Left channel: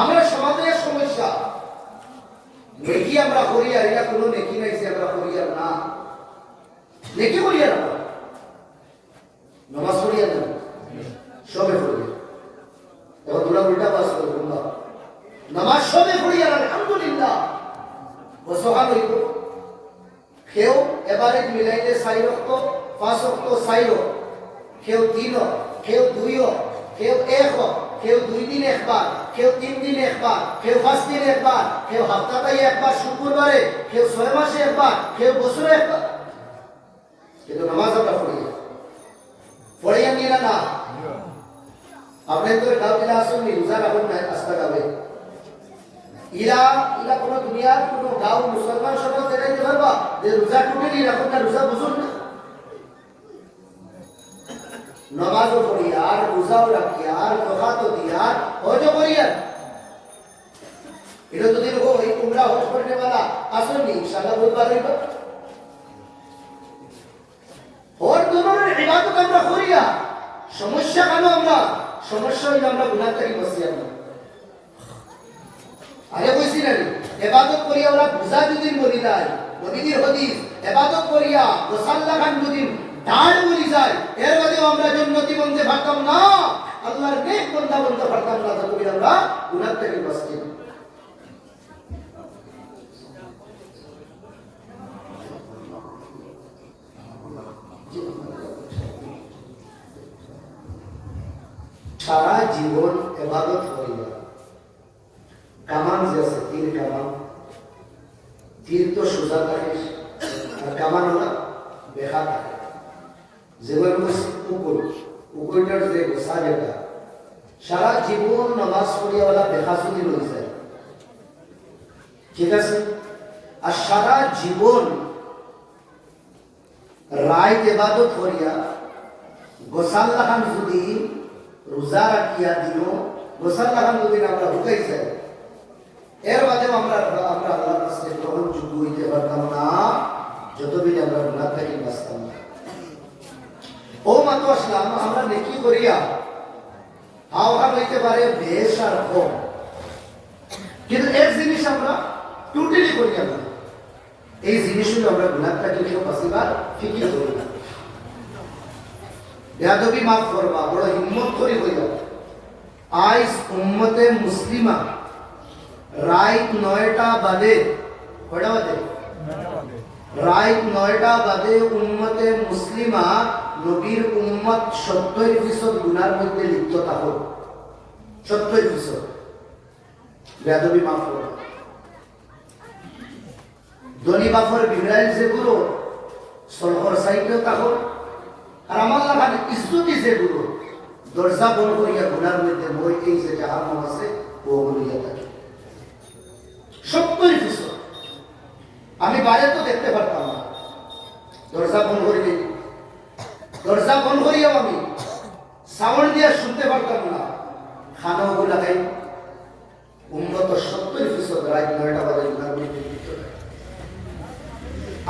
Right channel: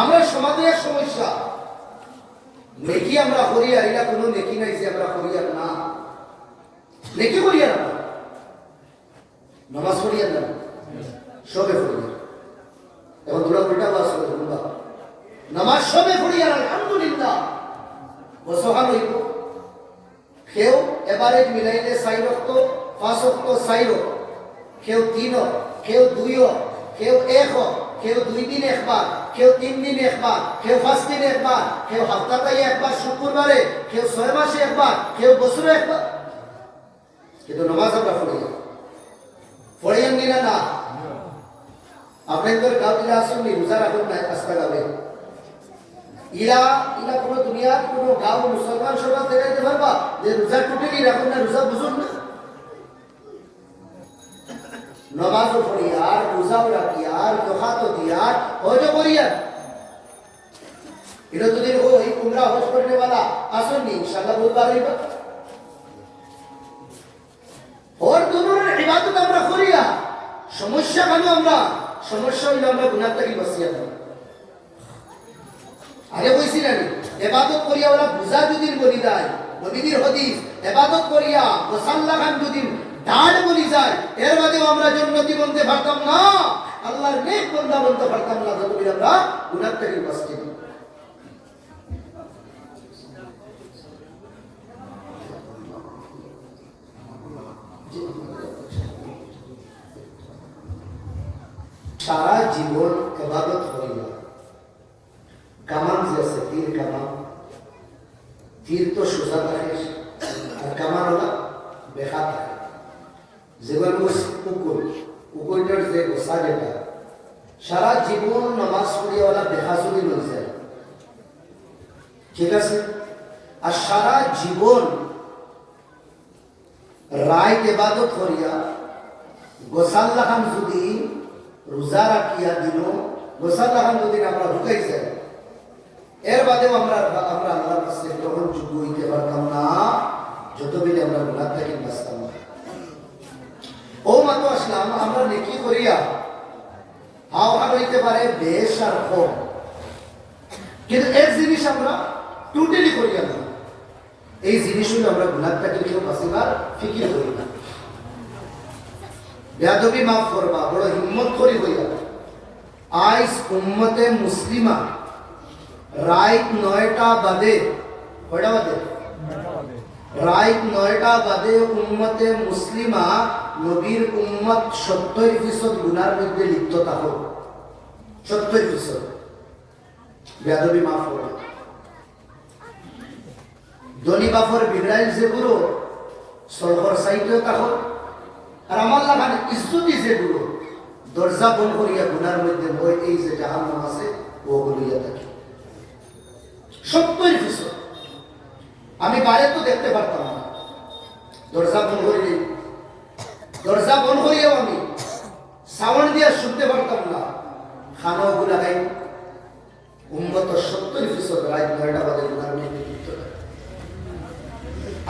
আমরা সমাজের সমস্যা নেকি আমরা করি আর এটা কোনো নেকি নাই যে আমরা করি আর না নেকি করি আর না নামাজ পড়ি আর না সবে পড়ি এখন তোরা উল্টা বাস করে বলবা নামাজ সবে পড়ি আর আলহামদুলিল্লাহ বসহান হইব কেউ এবারে মিলাইলে 4 ওয়াক্ত 5 ওয়াক্ত 4 কেউ 3 কেউ 2 কেউ 1 কেউ 2 দিন একবার কেউ 3 দিন একবার কেউ 5 দিন একবার কেউ সপ্তাহে একবার শুক্রবারে কেউ 6 মাসে একবার কেউ বছরে একবার কিন্তু নামাজ আমরা পড়ি আঙ্গিনা না আপনাদের গাঁও দিলা আসলে রোজা রাখুন না আস্থা গাবে ইলা কোনো দুনিয়ার কোনো গাঁও মুসলমান সমাজ দেখাইতে পারবা যে রোজা টুটেলি রাখুন না রোজা বুঝুন না নমাজও পড়ি আর রোজাও রাখি আর দোকাতও দি আর হজও করি আর এটা যদি ওই উমরা হজ করতে वाला আসেননি ইনশাআল্লাহ বুধবার হইব और दोनों इबादत আমরা করি আর সমস্যা কেন আমরা সমস্যা হইলো আমরা গুনাহ থেকে বাঁচি না আগে কইছি না ইবাদত করিয়া ওরা বুঝা দিন বলি যায় নবীর হাদিস ইবাদত করিয়া মুসাল্লাহ খান দিন দাঁড় বলি যায় এর বাদেও আমরা জান্নাতি বনতে পারতাম না আল্লাহর নেক বান্দা বনতে পারতাম না যদি আমরা গুনাহ থেকে বাঁচি সারা জীবন ইবাদত করিয়া কামান जैसे तीर কামান तीर तो সোজা থাকে আর কামান হলো বেকা থাকে জীবন উপরটার যে গোসা যেটা সারা জীবন নামাজ পড়িয়াওয়ালা বেকা যদি লই যায় ঠিক আছে আর সারা জীবন রায় ইবাদত করিয়া গোসাল্লাহ যদি রোজা রাখিয়া দিল গোসাল্লাহ যদি আমরা ঢুকাই যায় এর বাদে আমরা আল্লাহর কাছে গ্রহণযোগ্য হইতে পারতাম না যতদিন আমরা গুনাহ থেকে বাঁচতাম না ও মাতো আসলাম আমরা নেকি করিয়া আওয়াজ হইতে পারে বেশ আর কম কিন্তু এক জিনিস আমরা টোটালি করিয়া না এই জিনিসগুলো আমরা গুনাহ থেকে কেউ বাঁচিবার ফিকির করি না বেয়াদবি মাফ করবা বড় হিম্মত করে হইয়া আইস উম্মতে মুসলিমা রাইট 9টা বাদে কয়টা বাদে রাইট 9টা বাদে উম্মতে মুসলিমা নবীর উম্মত 70% গুনার মধ্যে লিপ্ত থাকো 70% বেয়াদবি মাফ করবা দনি বাফর বিগড়াইল যেগুলো সলহর সাইকেল থাকো আর আমার লাগান ইস্তুতি যেগুলো দরজা বন্ধ করিয়া গুনার মধ্যে বই এই যে জাহান্নাম আছে ও বলিয়া থাকে 70% আমি বাইরে তো দেখতে পারতাম না দরজা বন্ধ করিয়াও আমি সাউন্ড দিয়া শুনতে পারতাম না খানাও লাগাই উম্মত 70% রাত 9টা বাজে গুনার মধ্যে লিপ্ত থাকে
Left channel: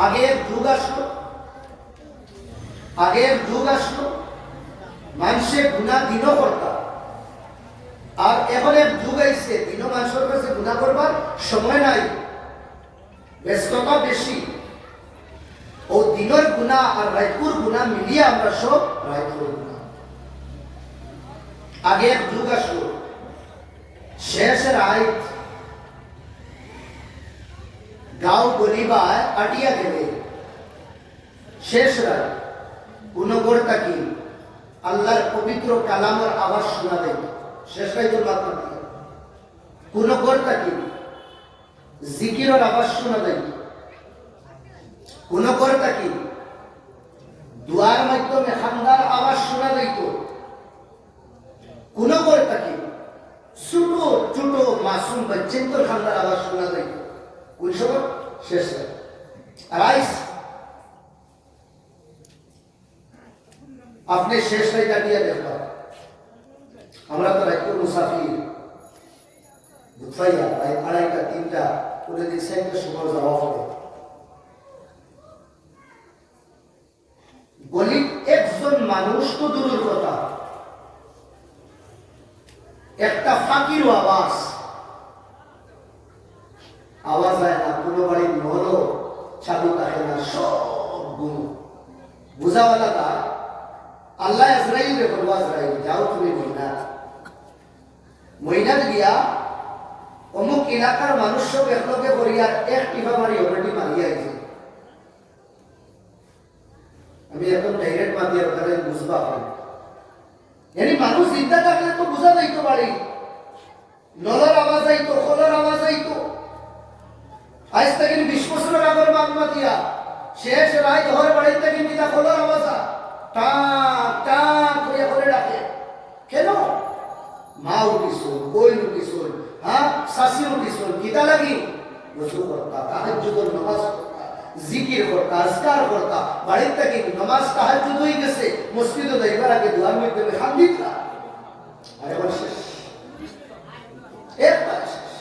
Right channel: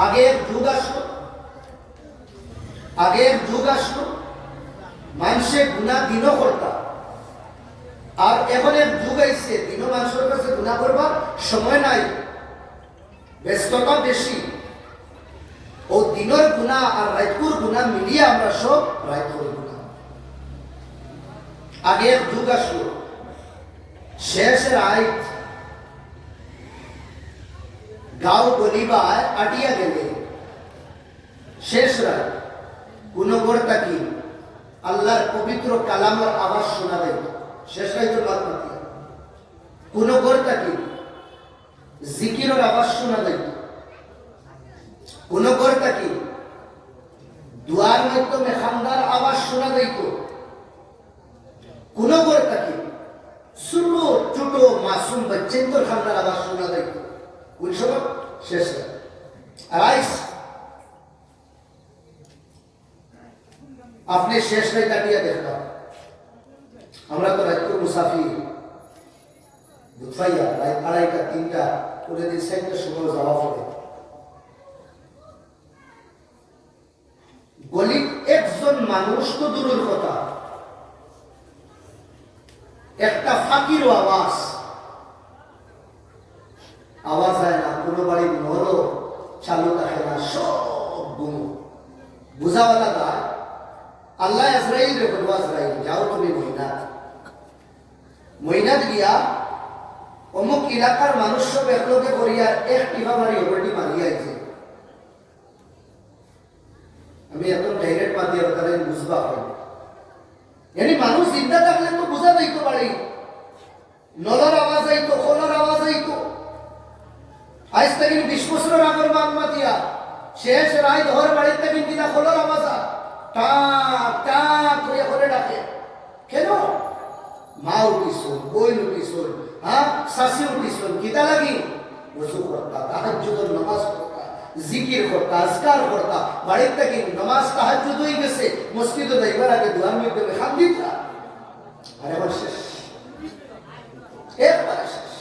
আগের যুগ আসলো মানুষের গুনাহ দিনও করতা আর এখন এক যুগ আইছে দিনও মানুষের কাছে গুনাহ করবার সময় নাই ব্যস্ততা বেশি ও দিনের গুনাহ আর রাতের গুনাহ মিলিয়ে আমরা সব রাতের গুনাহ আগে এক যুগ আসলো শেষের আইত গাঁও গলিবায় আটিয়া গেলে শেষ রায় গুণগর তাকি আল্লাহর পবিত্র কালামের আওয়াজ শোনা দেয় শেষ রায় তো বাদ মাতি গুণগর তাকি জিকিরের আওয়াজ শোনা দেয় গুণগর তাকি দুয়ার মাধ্যমে খান্দার আওয়াজ শোনা দেয় গুণগর তাকি ছোট ছোট মাসুম বাচ্চাদের খান্দার আওয়াজ শোনা দেয় কোন সময় শেষ রাইস আপনি শেষ রায় কাটিয়া দেখলাম আমরা তো রাত মুসাফির বুঝাইয়া রাত 2:30 3টা করে দিন 4টার সময় যাওয়া হবে গলি একজন মানুষ তো দূরের কথা একটা ফাকির আওয়াজ আওয়াজ হয় না, কোনো বাড়ির নলও চালু থাকে না, সব গুম। বুঝাওয়ালা তা আল্লাহ আজরাইল রে বলবো, আজরাইল যাও তুমি মইনাত গিয়া অমুক এলাকার মানুষ সব একলগে করিয়া এক টিপা মারি অলরেডি মারিয়া আইছে। আমি এখন ডাইরেক্ট মাতিয়া ওখানে বুঝবা হয়, yani মানুষ চিন্তা থাকলে তো বুঝা যাইতো বাড়ি, নলার আওয়াজ আইতো, খোলার আওয়াজ আইতো। আজ থেকে 20 বছর আগের মান মাতিয়া শেষ রায় ঘর বাড়ির থেকে কিনা খোলার আওয়াজ টা টা করে করে ডাকে। কেন? মা উঠিছুন, বই উঠিছুন, হ্যাঁ শাশি উঠিছুন, কিতা লাগি রসু করতা, তাহাজ্জুদের নামাজ পড়তা, জিকির করতা, আজকার করতা। বাড়ির থেকে নামাজ তাহাজ্জুদ হয়ে গেছে, মসজিদে যাইবার আগে দুয়ার মধ্যে খান্দিতা। আরে এবার শেষ, একবার শেষ।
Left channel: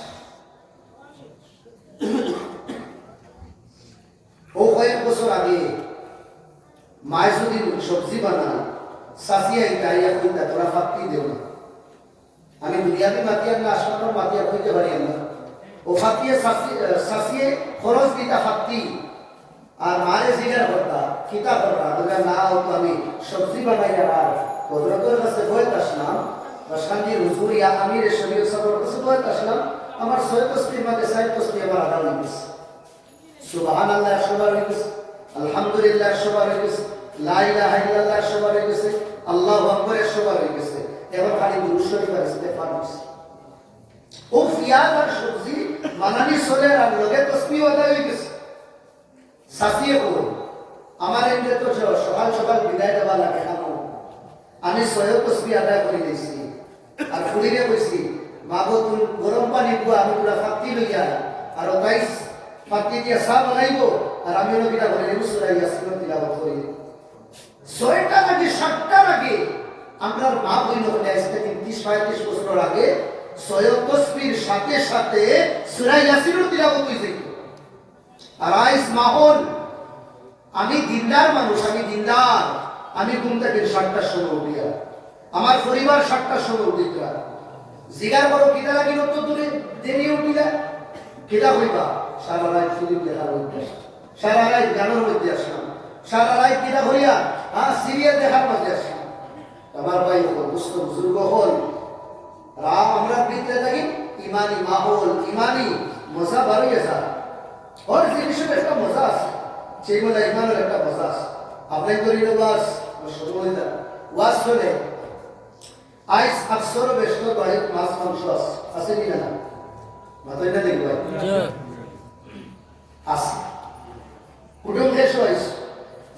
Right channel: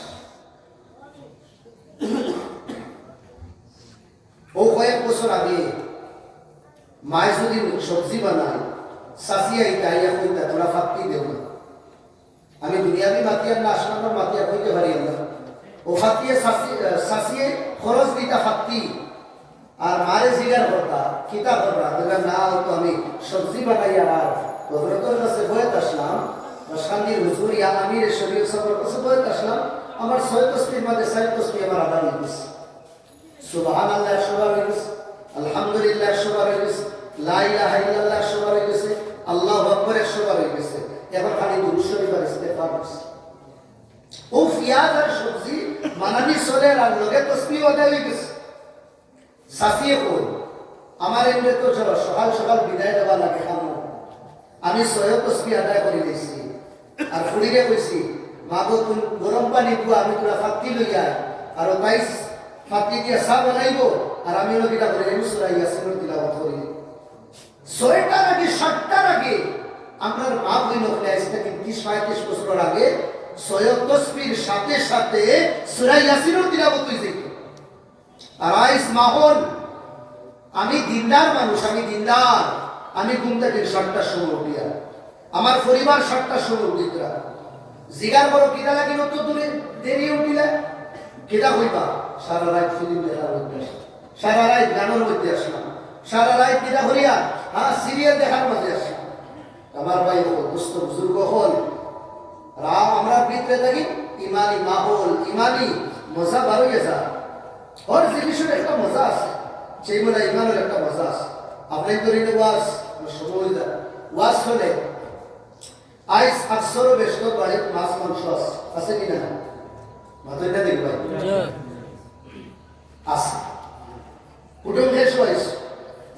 ও কয়েক বছর আগে মায় যদি সবজি বানায়, শাশিয়া ইটাইয়া কইতা তোরা ফাপ্তি দেব না। আমি দুনিয়াবি মাতিয়ার না আসমানোর মাতিয়ার হইতে পারি আমরা। ও ফাঁকিয়ে শাসিয়ে খরচ দিতা ফাঁকতি, আর মারে জিগার করতা কিতা করতা, বললাম না হয়তো আমি সবজি বানাইয়া আর হযরতের কাছে বয়ত আসলাম, শান্তির হুজুরিয়া আমির শরীয়ত সাহেবের কাছে বয়ত আসলাম। আমার 6 তসবির মধ্যে 4 তসবি আমার আদা হয়ে গেছে। সুবহানাল্লাহ 100 বার হয়ে গেছে, আলহামদুলিল্লাহ 100 বার হয়ে গেছে, লা ইলাহা ইল্লাল্লাহ 100 বার হয়ে গেছে, আল্লাহু আকবার 100 বার হয়ে গেছে। এবার খালি দুরূদ শরীফ আর ইস্তেগফার আছে। ও পিয়াজ আর সবজি বানানি সরে আর লগে তসবিহ আদায় হয়ে গেছে। সাফিয়ে কই আমার এমনি তো সকাল সকাল বিদায় দেওয়া লাগে খামো, আমি 6 তসবিহ আদায় করে দিয়েছি। আর ফুড়িরে কইছি মাগো তুমি গরম পানি পুয়া আমি পুরা ফাঁকি লইয়া আর তাই ফাঁকি দিয়া চা বানাইব, আর আমি কিটা করে দেবো সূরা ইয়াসিনের তিলাওয়াত করি। 6টা নাকি 7টা আগে আমরা মা বই নকলে আসতে 30-35 বছর আগে 6 তসবির সাথে সাথে সূরা ইয়াসিনের তিলাওয়াত হইছে। আর আইস মাহল আমি দিনদার মানুষ, আমি দিনদার, আমি ঘুম থেকে 7টার সময় উঠিয়া, আমার পরিবার 7টার সময় উঠিতরা। জিগার করো কিতা লাগি নতো দূরে দেরি উঠিলা, কিতা হইবা সারা রাত ফিল্ম দেখার মধ্যে, সারা রাত গানের মধ্যে আসলাম, সারা রাত কিতা হইয়া সিরিয়াল দেখার মধ্যে আসলাম। আমার ভাই দুস্থ বুজুর্গ হল আমরা বৃত্তে থাকি, ইমানি মাহল, ইমানি মজা বাড়িয়ে যায়। ওর জিনিসের একটা মজা আছে, সেই মজা ইমানের একটা মজা আছে। আপনার তরিলে ওয়াজ সময় ওয়াজ হলে আইস 800 বেশি বাড়ির মাছ মাংস আছে কি না? মাথায় না দেখবে আছে কুটুম শেষ হয়েছে।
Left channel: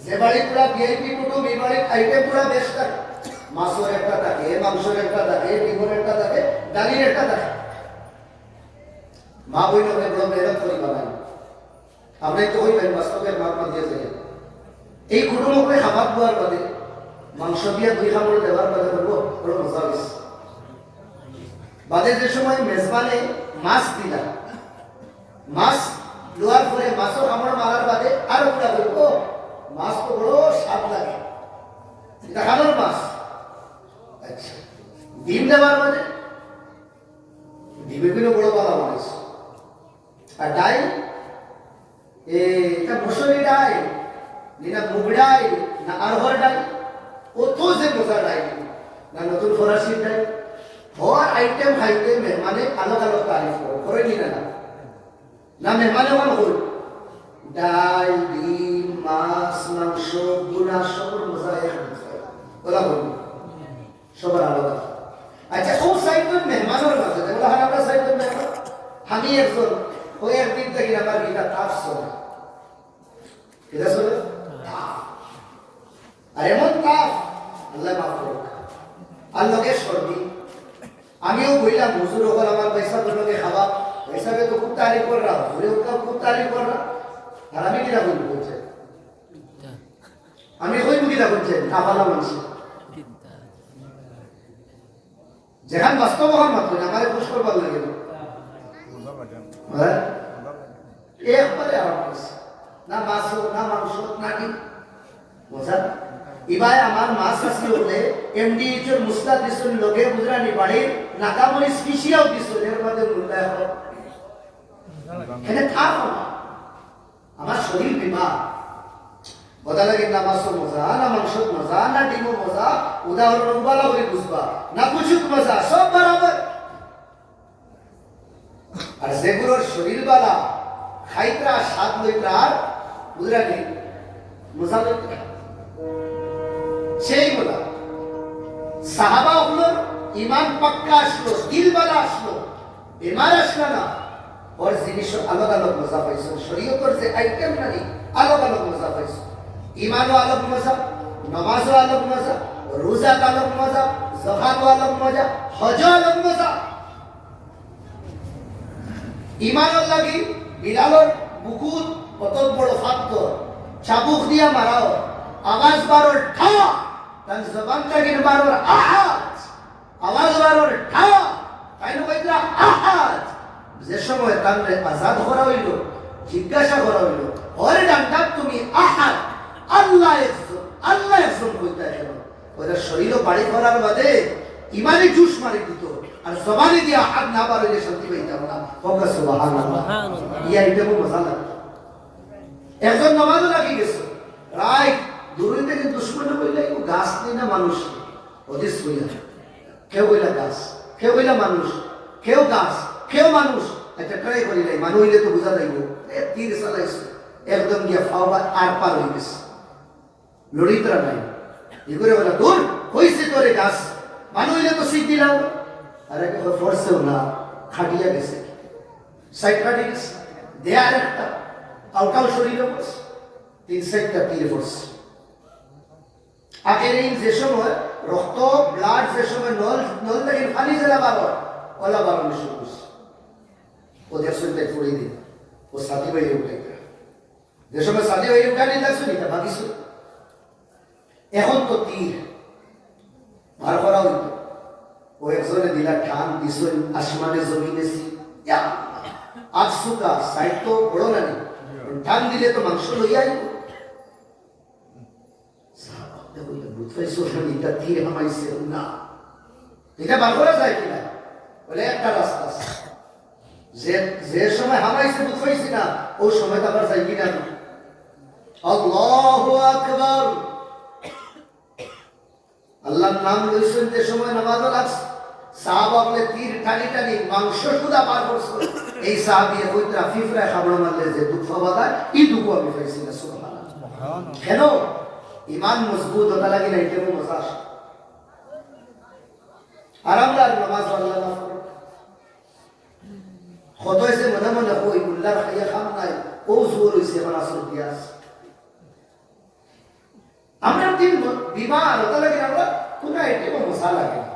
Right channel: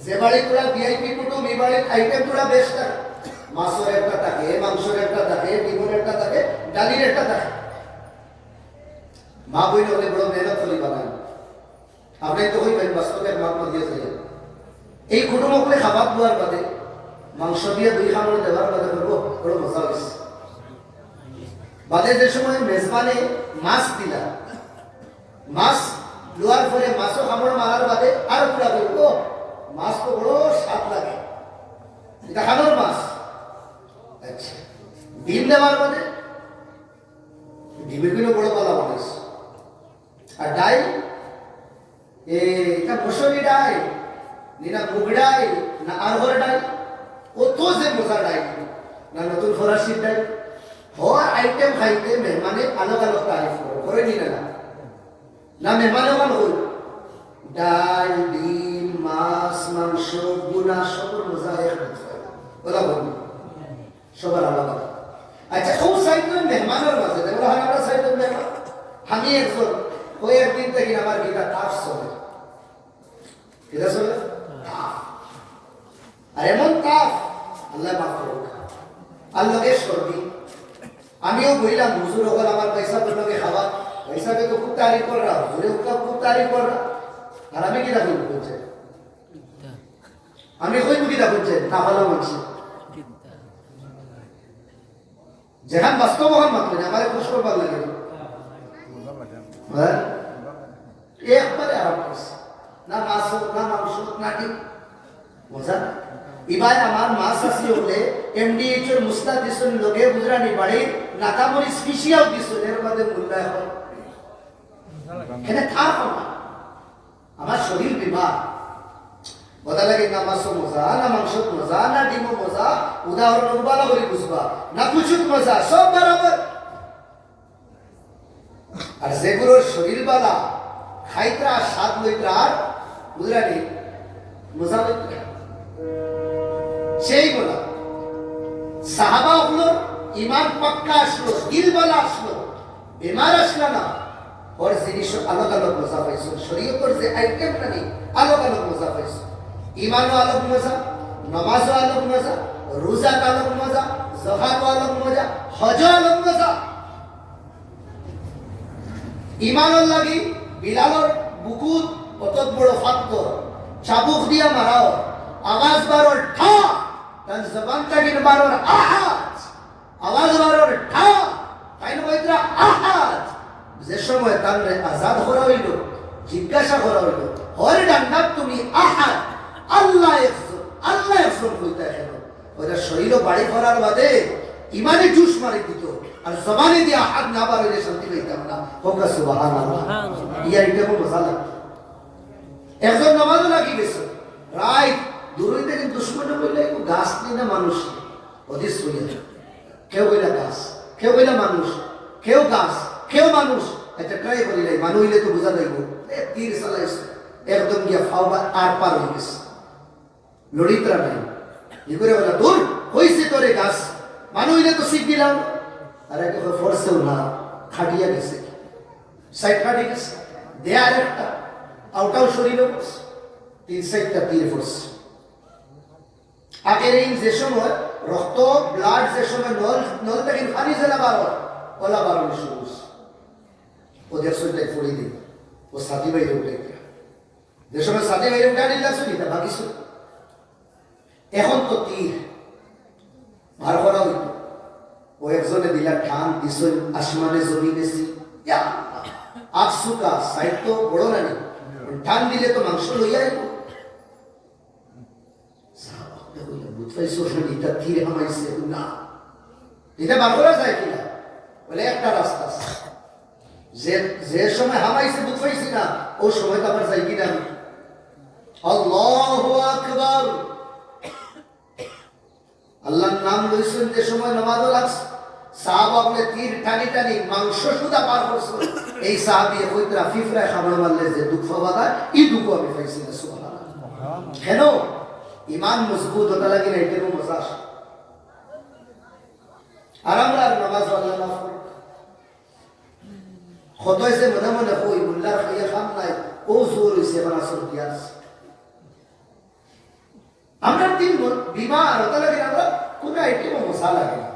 যে বাড়ি পুরা ভিআইপি কুটুম, এই বাড়ির আইটেম পুরা বেশ থাকে। মাছের একটা থাকে, মাংসের একটা থাকে, ডিমের একটা থাকে, ডালির একটা থাকে। মা বই নলে বড় মেহনত করে বানায়। আপনি তো হইবেন বাস্তবের মাত্রা দিয়ে যায়। এই কুটুম হলে খাবার দেওয়ার বাদে মাংস দিয়ে 2 খাবার দেওয়ার বাদে বড় মজা হয়েছে। বাদে যে সময় মেজবানে মাছ দিলা, মাছ লোয়ার পরে মাছও খাবার মারার বাদে আর পুরা বলবো মাছ তো বড় স্বাদ লাগে, এটা খাবার মাছ। আচ্ছা ডিম দেওয়ার বাদে ডিমে গুলো বড় পালা বানাইছে। আর ডাইল এটা মুসুরি ডাইল না মুগ ডাইল না আরহর ডাইল, কত যে মজা ডাইল না নতুন ফরাসির ডাইল। হর আইটেম খাইতে মেহমানে আলোক আলোক তারিফ করে, করে নি না না মেহমানে মন হল ডাল, ডিম, মাছ, মাংস, গুনা সবর মজা এক ওরা বলবি সবার আলাদা। আচ্ছা ও সাইকেল মেহমানের মাঝে দেখো আমরা সাইকেল মেহমান, আমি একজন ওই একদিন থেকে আমার গীতা তাপ চলে, কেটা চলে তাপ। আর এমন তাপ আল্লাহ মাফ করুক, আল্লাহকে সর্দি। আমিও বললাম হুজুর ওখানে আমার পয়সা তোকে খাওয়া, পয়সাকে তো খুব তারিফ কর রা, হুজুরে ওখানে খুব তারিফ কর রা। আর আমি কিনা বলবো বলছে, আমি কই কিনা বলছে না ভালো বলছি, যেখান বাস্তব হন মাত্র আমার খুশ করবার লাগে একবারে না মাছ হোক না মাংস হোক না কি বোঝা। এবার আমার মাছ আসি হলে এমডিএইচ এর মুস্তা দিছুন লগে বুঝরানি বাড়ির নাকামরি স্পেশিয়াল দিছুন, এর মধ্যে মূল্যায় হয় এখানে থাকো না। আমার শরীর বিমার বদা লাগে, নামাজ মজা না, মাংস মজা না, ডিম মজা, উদাহরণ বলা করে বুঝবা না, কুচুক মজা, সব বরাবর। আর যেগুলোর শরীর বালা খাইত্রা স্বাদ লইত্রা আর বুঝলানি মজা লইত্রা সেই বলা সাহাবা হলো ইমান পাক্কা আসলো, দিল বালা আসলো, বেমার আসলো না। ওর জিনিস আলাদা আলাদা মজা পাইছো, শরীয়তের যে আইটেম নানি আলাদা আলাদা মজা পাইছো। ইমানও আলাদা মজা, নামাজও আলাদা মজা, রোজা আলাদা মজা, যাকাতও আলাদা মজা, হজও আলাদা মজা। ইমানের লাগি বিলালর বুকুত কত বড় ফাক্ত, চাবুক দিয়া মারাও, আওয়াজ বারোর ঠা, তার জবান তাগির বারোর আহাজ, আওয়াজ বারোর ঠা, তাই নয়রা আহাজ। যে সময় তার আজাদ করা হইল, জিজ্ঞাসা করা হইল, ওর ডান্ডা তুমি আহাদ, আল্লাহ একজন, আল্লাহ একজন কইতা কেন? ওরা শরীর বাড়ি করার বাদে ইমানে জুস মারি দিত, আর জবানে দিয়ে আহাদ না বাড়িলে শান্তি পাইতাম না। হোক সুবহানাল্লাহ। ইয়া এটাও মজা লাগে। একজন নামাজও লাগি গেছে, রায় দূরইতে কিন্তু দুশ্মনে বললে গাছ নেই না মানুষ, অধিস কইয়া কেউ কইলা গাছ, কেউ কইলা মানুষ, কেউ গাছ, কেউ মানুষ। একটা ট্রাই করি নাই, মানুষ হইলে তো বোঝা যাইব। তীর চালাইছে একদম গিয়া ফাওয়া আর পার হয়ে গেছে, লড়িতরা নাই। ই করে বলা দূর হইছে তোরে গাছ, মানুষ হইলে তো শিখ দিলাম। আর একটা ফোর্সেও না, খাটিয়া গেছে, সাইড খাটি গেছে, দেয়ার একটা আউটাল শরীরে বসে, তিন সাইডটা তীরে বসে। আগের এই যে সময় রক্ত ব্লাড যে সময় নল থেকে পানি জেলা বার হয়, ওলা বার হয়ে শুরু করছে। ওদের শরীরটাই পড়ে দিন, ও সাথী বাইরে উঠে যে সময় সাথী বাইরে উঠে নিয়ে লাগছে না ভাবিস। এখন তো তীর বার করা হইত, ও একজনে দিলা টান দিছেন আসমানে জমিনে আজ সুকা সাইড তো বড় না, টান দিলে তো মাংস লইয়া আইব। তীর হামাইছে না, এটা বার করা যায় কিনা? বলে একটা রাস্তা আছে, যে সময় হামাইছে দুধ পাইছি না, ও সময় তো আবার যাই কিনা। আল্লাহু আকবার, আল্লাহর নাম লইছেন যে সময় নামাজ লাগছে, সাহাবা বলে তীর টানি টানি মাংস সুদা বার করছে। এই সাহাবী কইতরা ফিফরা খাবড় মারলে যে দুঃখ বাদা, এই দুঃখ আমি পাইছি না। সুবহানাল্লাহ। কেন? ইমান মজবুত হতে লাগে না, এটাও মজা আসে। আর আমরা নামাজ আল্লাহ মাফ করুক। কত হয়েছে মনে মনে কই উল্লাহ খাইয়া খাম নাই, ও জোর হয়েছে এখন আসল পিয়াস। আমরা দিন বিমার হতে লাগে, আমরা কোন আইটেমও মশা লাগে না,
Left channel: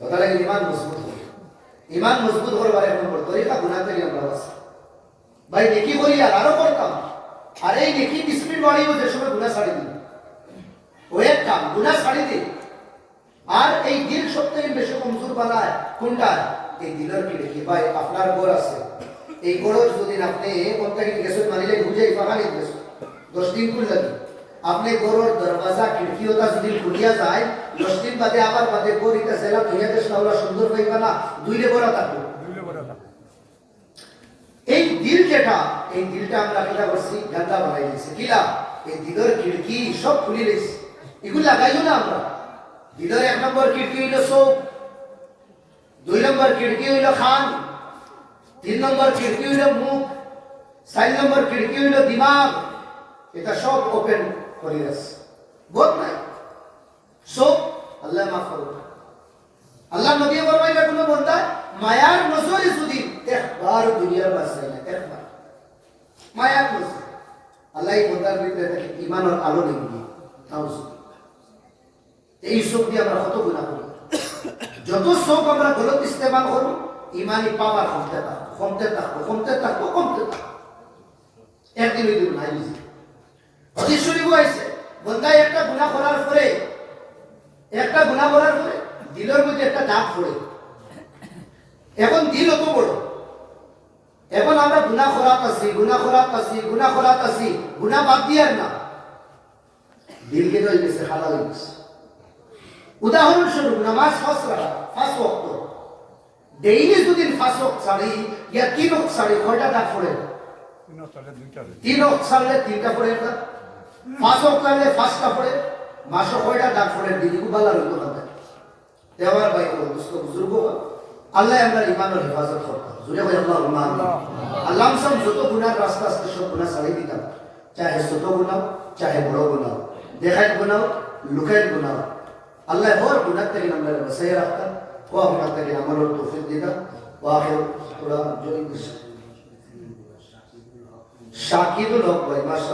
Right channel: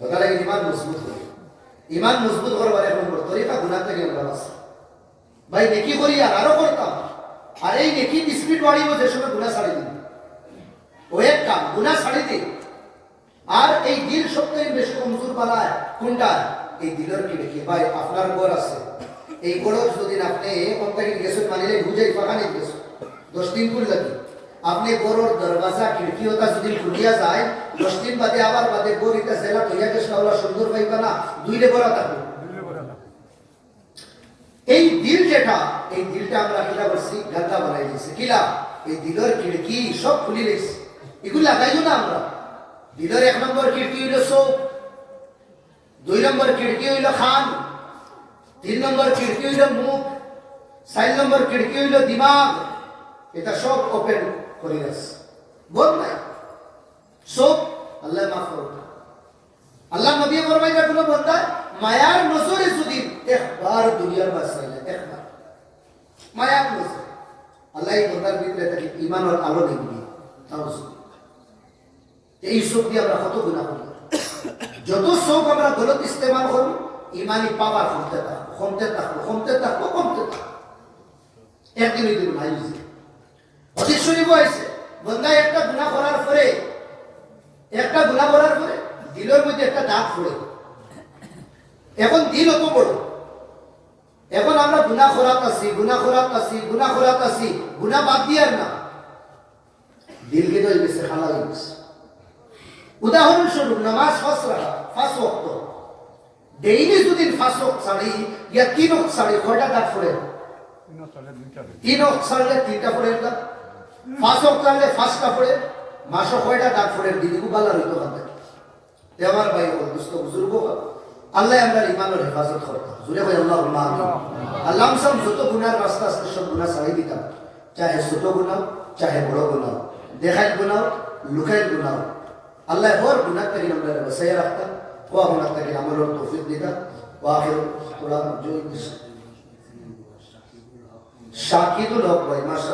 হতে লাগে ইমান মজবুত হবে। ইমান মজবুত করবার এক নম্বর তরিকা গুনাহ থেকে আমরা বাঁচি। ভাই নেকি করি আর আরো করতাম, আর এই নেকি স্পিড বাড়িব যে সময় গুনাহ ছাড়ি দিন, ও এক কাম গুনাহ ছাড়ি দিন। আর এই দিল সবথেকে বেশি কমজোর বানায় কোনটা? এই দিলের কি দেখি ভাই আপনার ঘর আছে, এই ঘরের যদি আপনি কোনটাকে গেছেন মানিলে বুঝাই পাকানি গেছেন 10 দিন করে লাগে, আপনি ঘরের দরওয়াজা খিড়কি ওটা যদি খুলিয়া যায় 10 দিন বাদে আবার বাদে গরিটা সেরা তৈয়া চেষ্টা হলো সুন্দর পাইবা না, দুইরে করা থাকবে। এই দিল যেটা, এই দিলটা আমরা কিলা করছি, গান্ডা বানাই দিয়েছি। কিলা? এই দিলের খিড়কি সব খুলি দিয়েছি, এগুলো লাগাইও না আমরা। দিলের 1 নম্বর খিড়কি হইল চোখ, 2 নম্বর খিড়কি হইল খান, 3 নম্বর খিড়কি হইল মুখ, 4 নম্বর খিড়কি হইল দিমাগ। এটা সব ওপেন করে গেছে, বোধ নাই সব। আল্লাহ মাফ করুন। আল্লাহ নবী ফরমাইলেন কোন বান্দা মায়ার নজরে যদি একবার দুনিয়ার বাসায় না, একবার মায়ার নজরে আল্লাহ এই বান্দার ভিতরে তাকে ঈমানের আলো দিবেন। এই সব দিয়ে আমরা কত গুনাহ করি। যত সব আমরা গলত ইস্তেমাল করব, ইমানি পাওয়ার কমতে থাকবো। একদিন ওই দিন নাই বুঝি অতি শরীফ হয়েছে, বান্দা একটা গুনাহ করার পরে দিলের মধ্যে একটা দাগ পড়ে। এখন দিল অত বড়, এখন আমরা গুনাহ করাতাছি, গুনাহ বাদ দিয়ার না, দিলকে তো হয়ে গেছে, খালা হয়ে গেছে। উদাহরণস্বরূপ নামাজ 5 ওয়াক্ত, ডেইলি যদি 5 ওয়াক্ত ছাড়ি ইয়া 3 ওয়াক্ত ছাড়ি কয়টা দাগ পড়ে? 3 ওয়াক্ত ছাড়লে 3টা পড়ে এটা, 5 ওয়াক্ত ছাড়লে 5টা পড়ে, মাসে কয়টা দাগ পড়ে? দিদিগু বালা রইতো না। দেওয়ার ভাই ও দোস্ত বুজুর্গ, আল্লাহ আমরা ইমানের হেফাজত করতাম। জুড়ে ভাই আল্লাহ আমিন। আল্লাহ সব যত গুনাহ রাস্তা আছে সব গুনাহ ছাড়িয়ে দিতাম, চাহে ছোট গুনাহ চাহে বড় গুনাহ, দেখাত গুনাহ লুকাত গুনাহ। আল্লাহ হর গুনাহ থেকে আমরা বাঁচিয়ে রাখতাম, ও আমরা থেকে আমলের তৌফিক দিতা। ওয়াখির কোরআন জয় শাকিদুল হক ভাই মাশাআল্লাহ।